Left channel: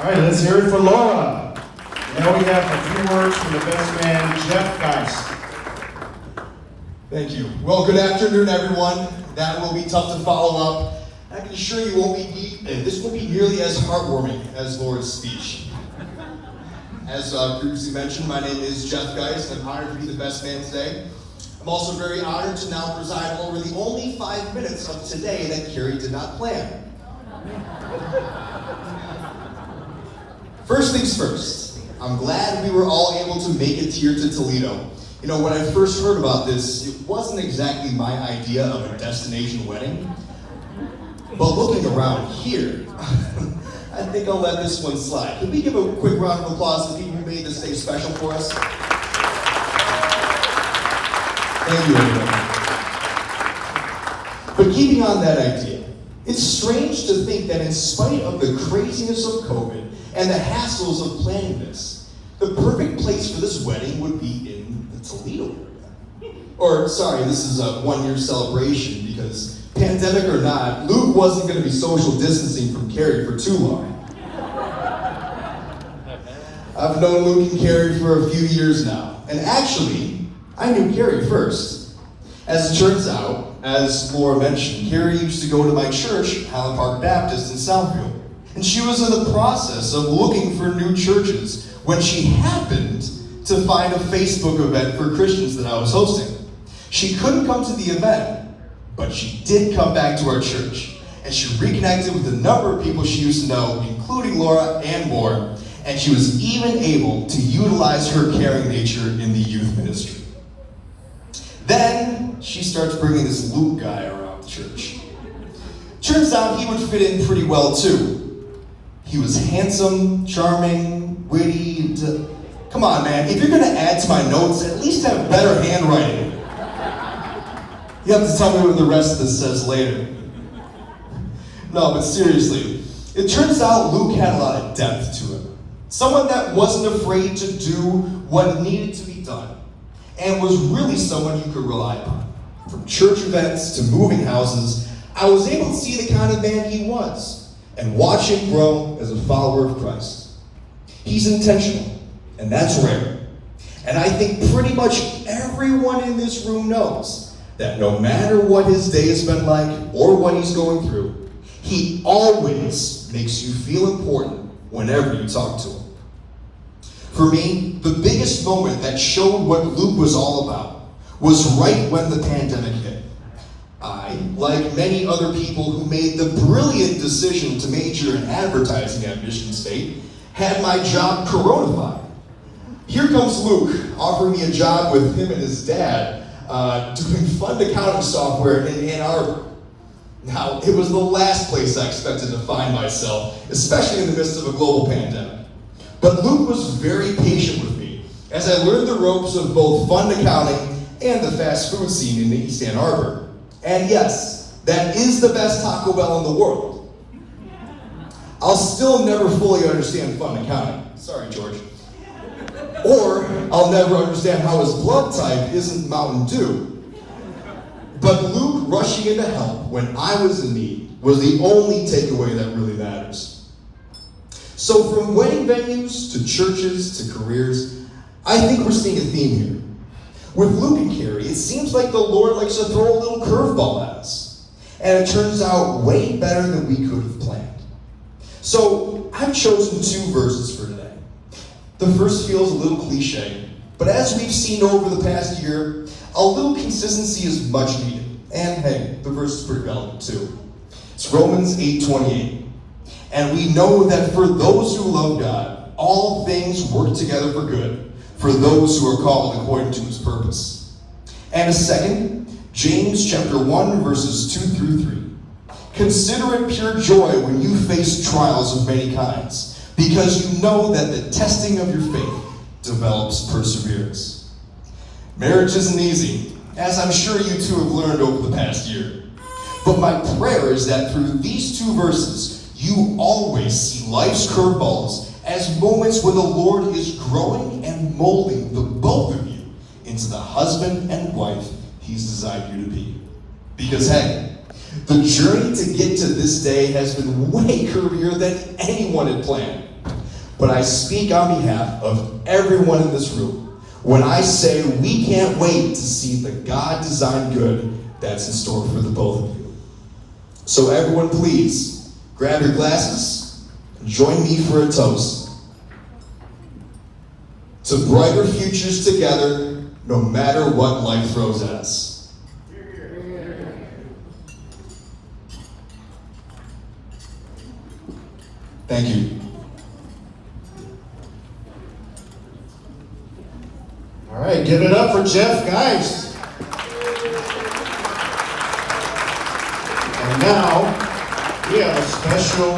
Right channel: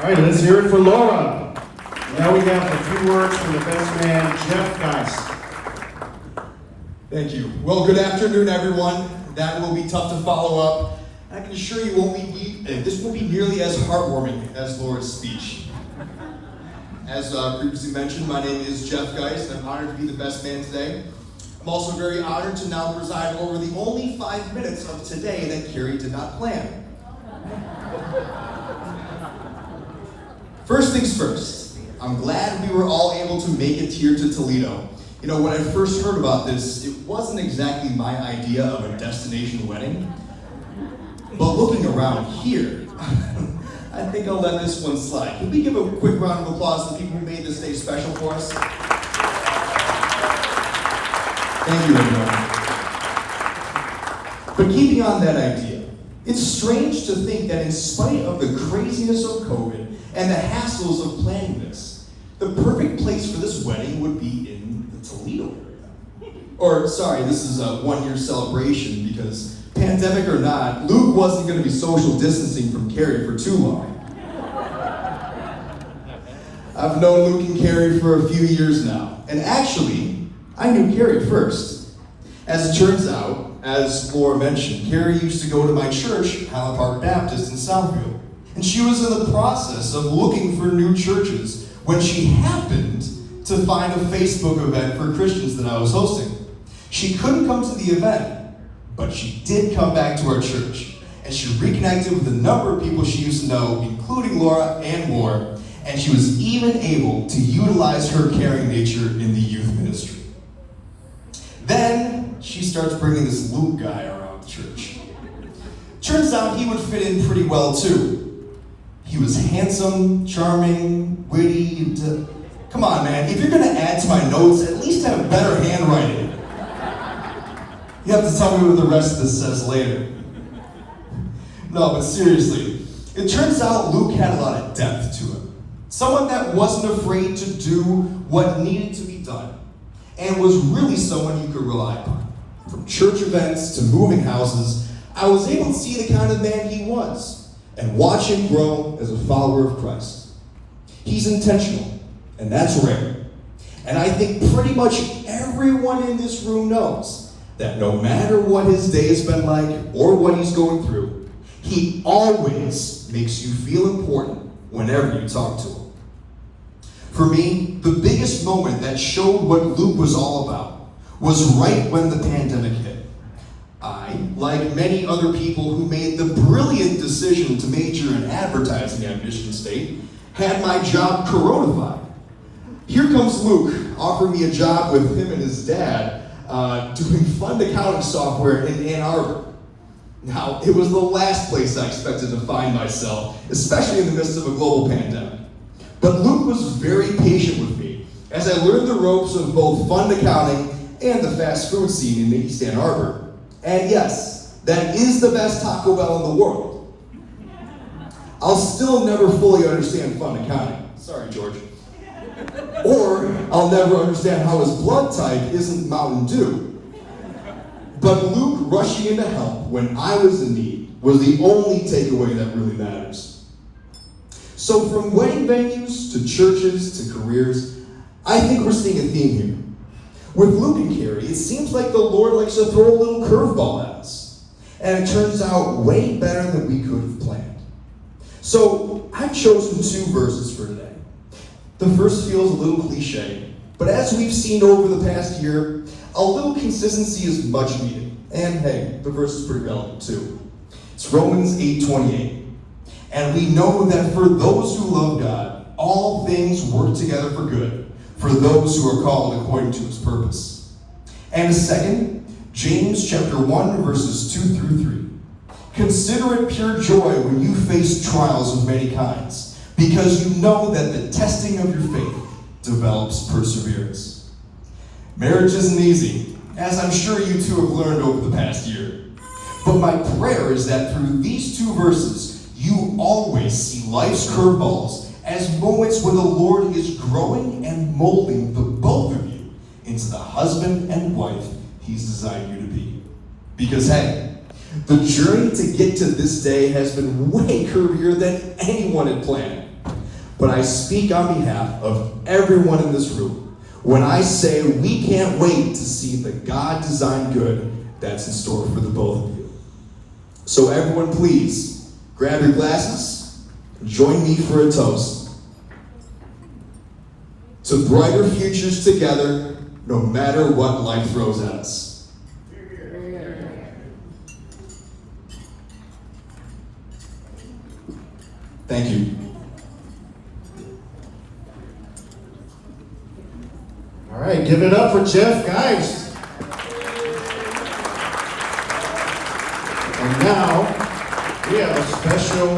All right, let's hear it for Laura. Now we got the 3 words from the best man, Geoff, guys. Thank you. Well, good afternoon, everyone. That will be tough to follow up. I can assure you this won't be nearly as heartwarming as Laura's speech. As previously mentioned, my name is Geoff Geist, and I'm honored to be the best man today. I'm also very honored to now preside over the only 5 minutes of today that Carrie did not plan. First things first, I'm glad we were all able to make it here to Toledo. You know, when I first heard about this, it wasn't exactly my idea of a destination wedding. But looking around here, I think I'll let this one slide. Can we give a quick round of applause to the people who made this day special for us? Thank you, everyone. But keeping on that idea, it's strange to think that in spite of the craziness of COVID and the hassles of planning this, the perfect place for this wedding would be in the Toledo area. Or, sorry, this is a 1-year celebration because, pandemic or not, Luke wasn't going to be social distancing from Carrie for too long. I've known Luke and Carrie for a few years now, and actually, I knew Carrie first. As it turns out, as Laura mentioned, Carrie used to go to my church, Highland Park Baptist in Southfield, and she was in the process of looking for new churches when she happened to find a Facebook event for Christians that I was hosting. She couldn't come to the event, but she did come back to our church, and she reconnected with a number of people she used to know, including Laura and more, and she was even able to utilize her caring nature in the youth ministry. Then, she starts bringing this Luke guy around the church. Turns out he would fit in pretty well too. He was handsome, charming, witty, come on man, if you're gonna add to my notes, at least have better handwriting. You have to tell me what the rest of this says later. No, but seriously, it turns out Luke had a lot of depth to him. Someone that wasn't afraid to do what needed to be done, and was really someone you could rely upon. From church events to moving houses, I was able to see the kind of man he was, and watch him grow as a follower of Christ. He's intentional, and that's rare. And I think pretty much everyone in this room knows that no matter what his day's been like or what he's going through, he always makes you feel important whenever you talk to him. For me, the biggest moment that showed what Luke was all about was right when the pandemic hit. I, like many other people who made the brilliant decision to major in advertising at Michigan State, had my job coronafied. Here comes Luke, offering me a job with him and his dad, doing fund accounting software in Ann Arbor. Now, it was the last place I expected to find myself, especially in the midst of a global pandemic. But Luke was very patient with me as I learned the ropes of both fund accounting and the fast food scene in East Ann Arbor. And yes, that is the best Taco Bell in the world. I'll still never fully understand fund accounting. Sorry, George. Or I'll never understand how his blood type isn't Mountain Dew. But Luke rushing in to help when I was in need was the only takeaway that really matters. So from wedding venues to churches to careers, I think we're seeing a theme here. With Luke and Carrie, it seems like the Lord likes to throw a little curveball at us. And it turns out way better than we could have planned. So I've chosen 2 verses for today. The first feels a little cliche, but as we've seen over the past year, a little consistency is much needed. And hey, the verse is pretty relevant too. It's Romans 8:28. And we know that for those who love God, all things work together for good, for those who are called according to his purpose. And second, James chapter 1, verses 2 through 3. Consider it pure joy when you face trials of many kinds, because you know that the testing of your faith develops perseverance. Marriage isn't easy, as I'm sure you two have learned over the past year. But my prayer is that through these 2 verses, you always see life's curveballs as moments when the Lord is growing and molding the both of you into the husband and wife he's designed you to be. Because hey, the journey to get to this day has been way curvier than anyone had planned. but I speak on behalf of everyone in this room when I say we can't wait to see the God-designed good that's in store for the both of you. So everyone, please, grab your glasses and join me for a toast to brighter futures together, no matter what life throws at us. Thank you. All right, give it up for Geoff, guys. And now, we have a special